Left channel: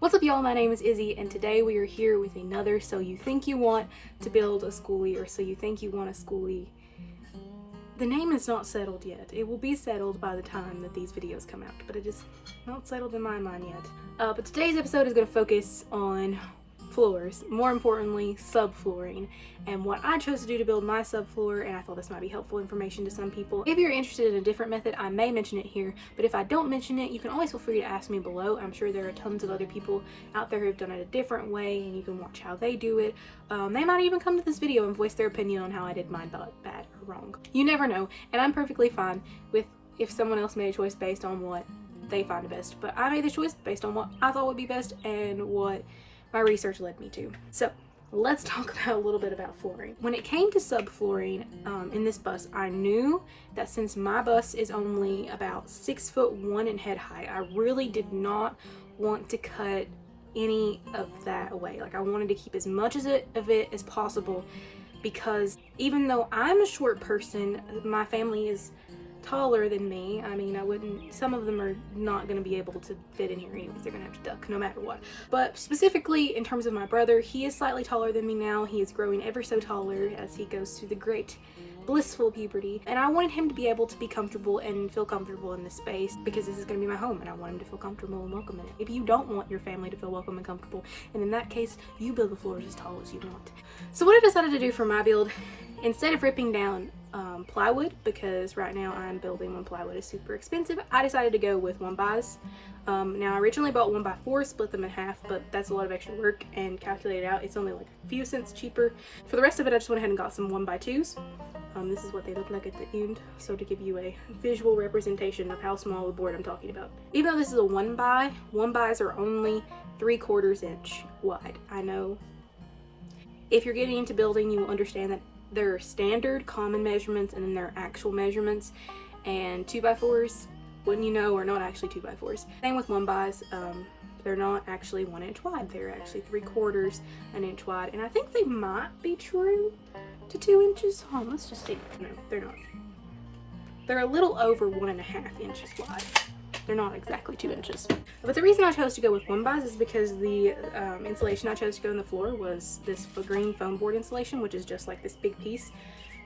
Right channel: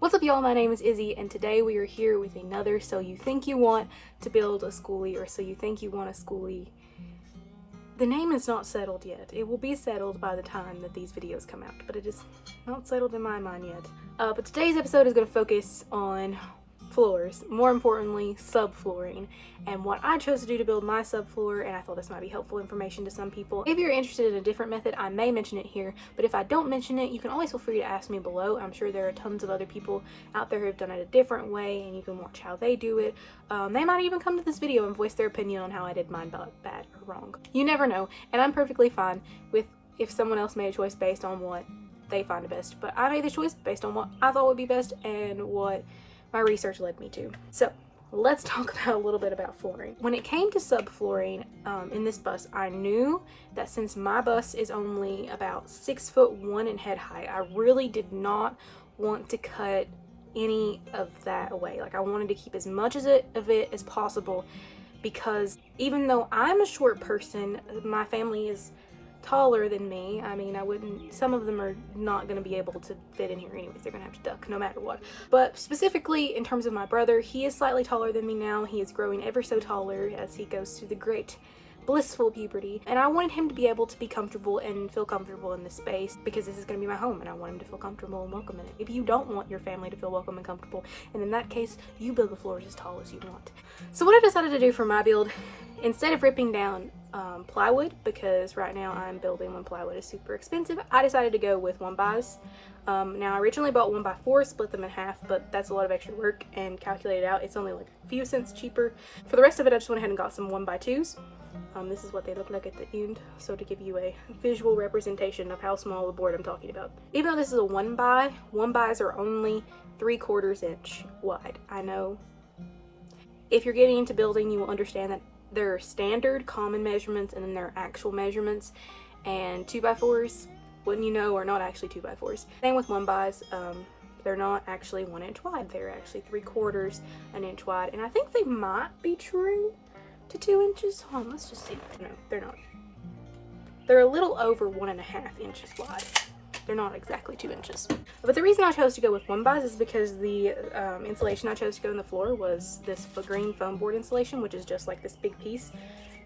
What's up, y'all? My name is Izzy, and today we are here with another So You Think You Want to Build a Skoolie, or So You Think You Want a Skoolie. The name is not settled yet. It will be settled by the time that these videos come out, but it is not settled in my mind yet. But today's episode is going to focus on floors, more importantly, subflooring, and what I chose to do to build my subfloor, and I thought this might be helpful information to some people. If you're interested in a different method, I may mention it here, but if I don't mention it, you can always feel free to ask me below. I'm sure there are tons of other people out there who have done it a different way, and you can watch how they do it. They might even come to this video and voice their opinion on how I did mine bad or wrong. You never know, and I'm perfectly fine with if someone else made a choice based on what they find best, but I made the choice based on what I thought would be best and what my research led me to. So let's talk about a little bit about flooring. When it came to subflooring in this bus, I knew that since my bus is only about 6'1" in head height, I really did not want to cut any of that away. Like, I wanted to keep as much of it as possible, because even though I'm a short person, my family is taller than me. I mean, some of them are not going to be able to fit in here anyways. They're going to have to duck no matter what. But specifically in terms of my brother, he is slightly taller than me now. He is growing ever so taller as he goes through the great blissful puberty, and I wanted him to be able to be comfortable and feel comfortable in this space, because this is going to be my home and I want him to feel comfortable and welcome in it. If you don't want your family to feel welcome and comfortable, and in that case, you build the floors as tall as you want. So what I decided to do for my build, instead of ripping down plywood, because right now I'm building when plywood is super expensive, I decided to go with 1x. Now I originally bought 1x4, split them in half, but that's a lot of extra work, and calculated out it's only like a few cents cheaper. For the rest of it, I just went ahead and got some 1x2s. This is what they look like at the end, so to give you a visual representation of how small the board I'm talking about. Even though this is a 1x, 1x's are only 3/4 inch wide. I know if you're getting into building, you will understand that there are standard common measurements and then there are actual measurements, and 2x4s, wouldn't you know, are not actually 2x4s. Same with 1x's, they're not actually 1 inch wide, they're actually 3/4 inch wide, and I think they might be true to 2 inches. Hold on, let's just see. No, they're not. They're a little over 1.5 inches wide. They're not exactly 2 inches. But the reason I chose to go with 1x is because the insulation I chose to go in the floor was this green foam board insulation, which is just like this big piece.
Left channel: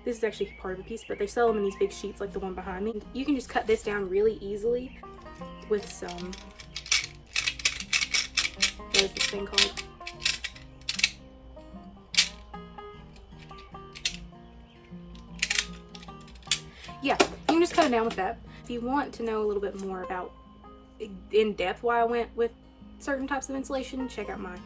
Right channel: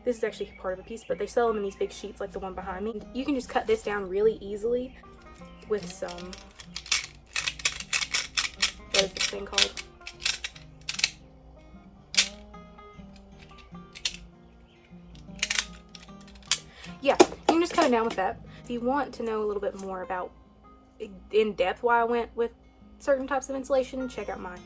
This is actually part of a piece, but they sell them in these big sheets like the one behind me. You can just cut this down really easily with some, what is this thing called? Yeah, you can just cut it down with that. If you want to know a little bit more about in depth why I went with certain types of insulation, check out my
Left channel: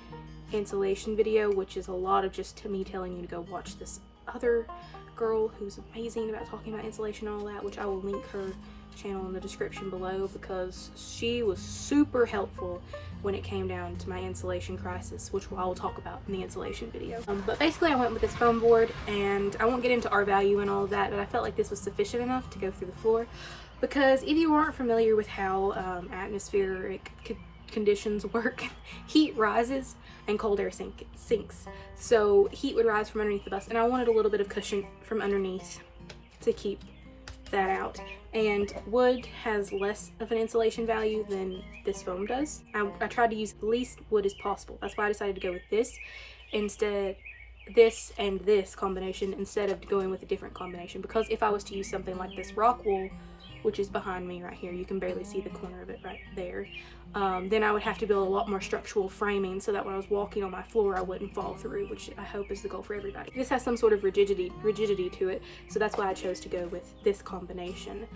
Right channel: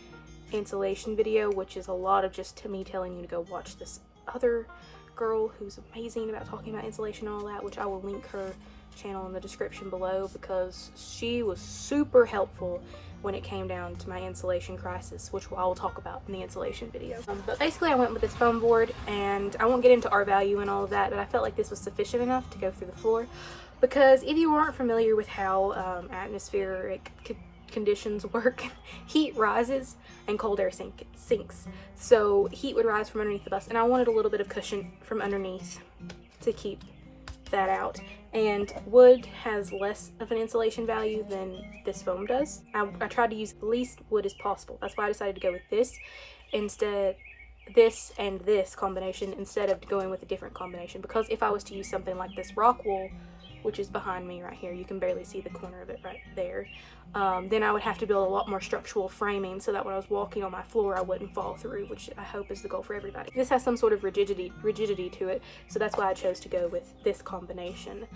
insulation video, which is a lot of just me telling you to go watch this other girl who's amazing about talking about insulation and all that, which I will link her channel in the description below, because she was super helpful when it came down to my insulation crisis, which I will talk about in the insulation video. But basically I went with this foam board, and I won't get into R value and all of that, but I felt like this was sufficient enough to go through the floor, because if you aren't familiar with how atmospheric conditions work, heat rises and cold air sinks. So heat would rise from underneath the bus, and I wanted a little bit of cushion from underneath to keep that out. And wood has less of an insulation value than this foam does. I tried to use the least wood as possible. That's why I decided to go with this and this combination instead of going with a different combination, because if I was to use something like this rock wool, which is behind me right here, you can barely see the corner of it right there, then I would have to build a lot more structural framing so that when I was walking on my floor I wouldn't fall through, which I hope is the goal for everybody. This has some sort of rigidity to it, so that's why I chose to go with this combination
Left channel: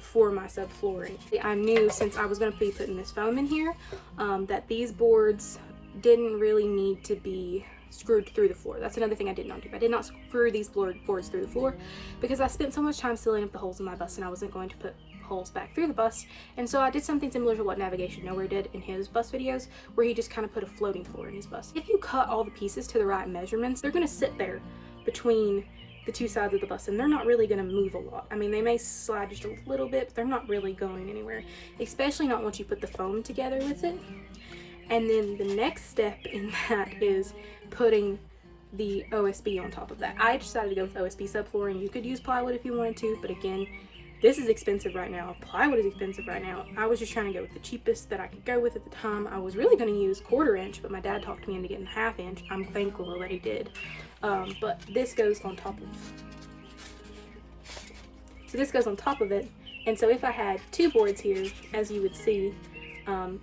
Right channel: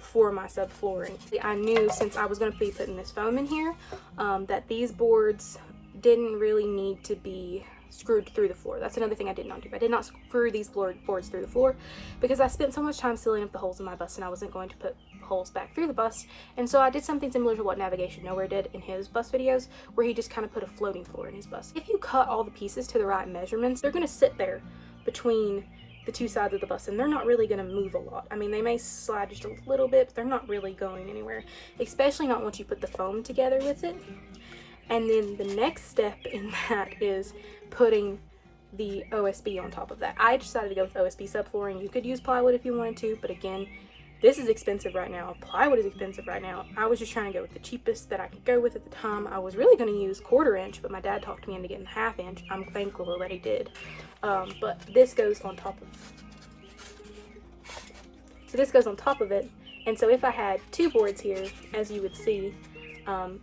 for my subflooring. I knew, since I was going to be putting this foam in here, that these boards didn't really need to be screwed through the floor. That's another thing I did not do. I did not screw these boards through the floor, because I spent so much time sealing up the holes in my bus, and I wasn't going to put holes back through the bus. And so I did something similar to what Navigation Nowhere did in his bus videos, where he just kind of put a floating floor in his bus. If you cut all the pieces to the right measurements, they're going to sit there between the two sides of the bus, and they're not really going to move a lot. I mean, they may slide just a little bit, but they're not really going anywhere, especially not once you put the foam together with it. And then the next step in that is putting the OSB on top of that. I decided to go with OSB subflooring. You could use plywood if you wanted to, but again, this is expensive right now. Plywood is expensive right now. I was just trying to go with the cheapest that I could go with at the time. I was really going to use 1/4 inch, but my dad talked me into getting 1/2 inch. I'm thankful that he did. But this goes on top of, so this goes on top of it. And so if I had 2 boards here, as you would see,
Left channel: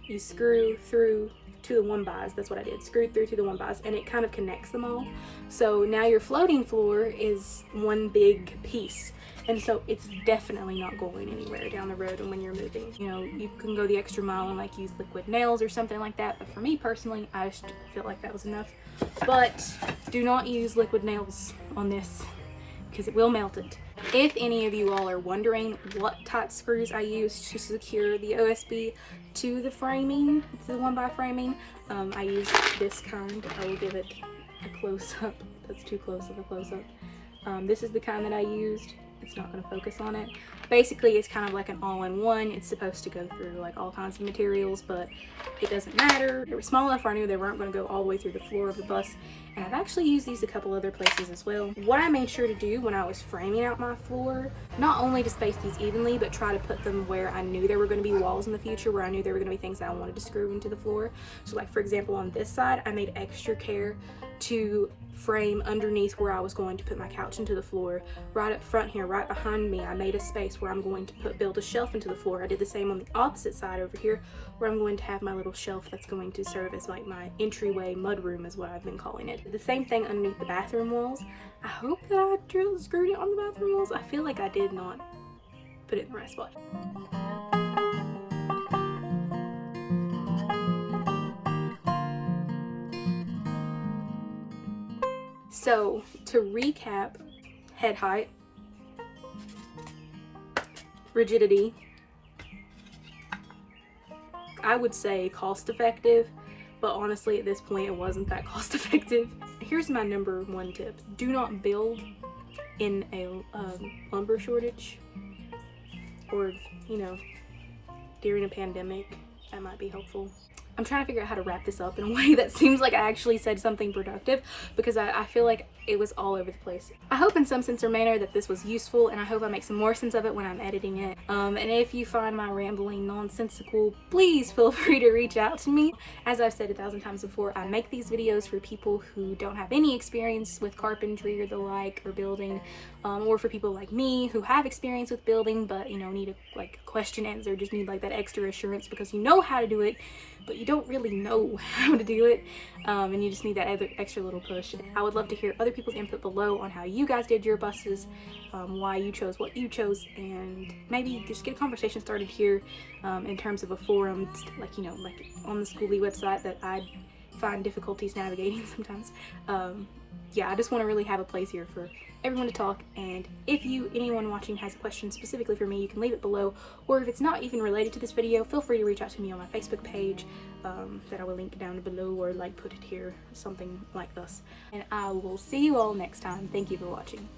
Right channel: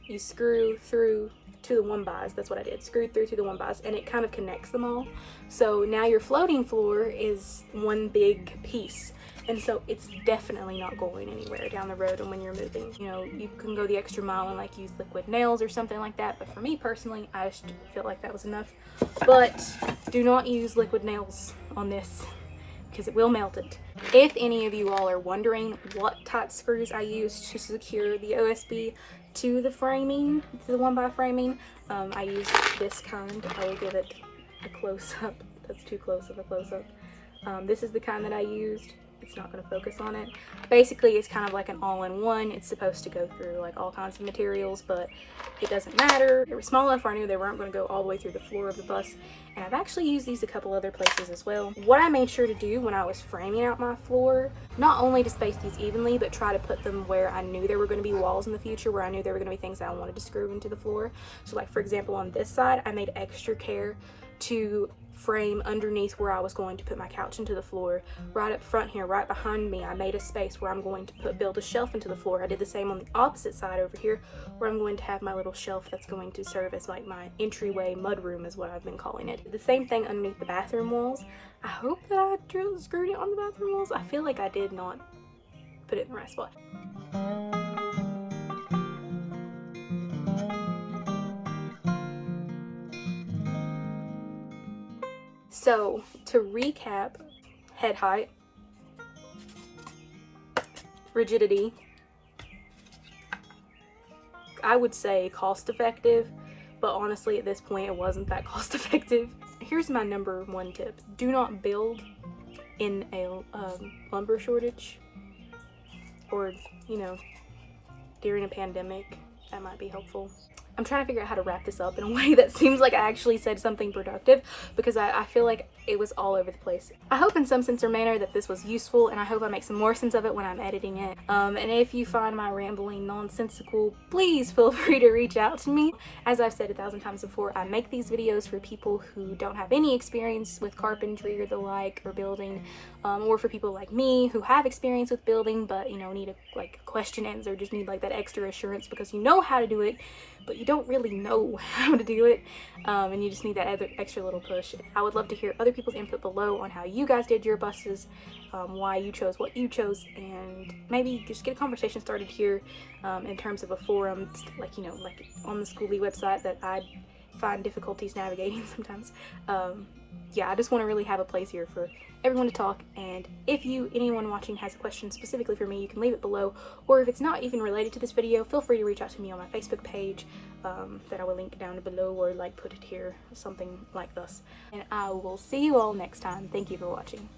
you screw through to the 1x. That's what I did. Screwed through to the 1x, and it kind of connects them all. So now your floating floor is one big piece. And so it's definitely not going anywhere down the road. And when you're moving, you know, you can go the extra mile and like use liquid nails or something like that. But for me personally, I just felt like that was enough. But do not use liquid nails on this because it will melt it. If any of you all are wondering what type screws I use to secure the OSB to the framing, to the 1x framing, I use this kind. I will give it a close-up. That's too close of a close-up. This is the kind that I used. It's not going to focus on it. Basically, it's kind of like an all-in-one. It's supposed to go through like all kinds of materials, but it doesn't matter. They were small enough where I knew they weren't going to go all the way through the floor of the bus. And I've actually used these a couple other places as well. What I made sure to do when I was framing out my floor, not only to space these evenly, but try to put them where I knew there were going to be walls in the future, where I knew there were going to be things that I wanted to screw into the floor. So like, for example, on this side, I made extra care to frame underneath where I was going to put my couch into the floor. Right up front here, right behind me, I made a space where I'm going to build a shelf into the floor. I did the same on the opposite side over here, where I'm going to have my little shelf that's going to serve as like my entryway mudroom is what I've been calling it. The same thing underneath the bathroom walls. I hope that I screwed it on the bathroom walls. I feel like I did not put it in the right spot. So to recap, head height, rigidity, I would say cost effective, but honestly at this point it wasn't that cost effective. Here's my number 1 tip. Do not build in a lumber shortage, or, you know, during a pandemic. That might be helpful. I'm trying to figure out how to wrap this up in a way that seems like I actually said something productive, because I feel like it was all over the place. I hope in some sense or manner that this was useful, and I hope I make some more sense of it when I'm editing it. And if you find my rambling nonsensical, please feel free to reach out to me. As I've said 1,000 times before, I make these videos for people who don't have any experience with carpentry or the like, or building, or for people like me who have experience with building but, you know, need a question answer, just need like that extra assurance because you know how to do it, but you don't really know how to do it, and you just need that extra little push. I would love to hear other people's input below on how you guys did your buses, why you chose what you chose, and maybe just get a conversation started here in terms of a forum, like, you know, like on the Skoolie website that I find difficulties navigating sometimes. Yeah, I just want to really have a place here for everyone to talk, and if anyone watching has a question specifically for me, you can leave it below, or if it's not even related to this video, feel free to reach out to me on my Facebook page that I will link down below, or like put it here, something like this. And I will see you all next time. Thank you for watching.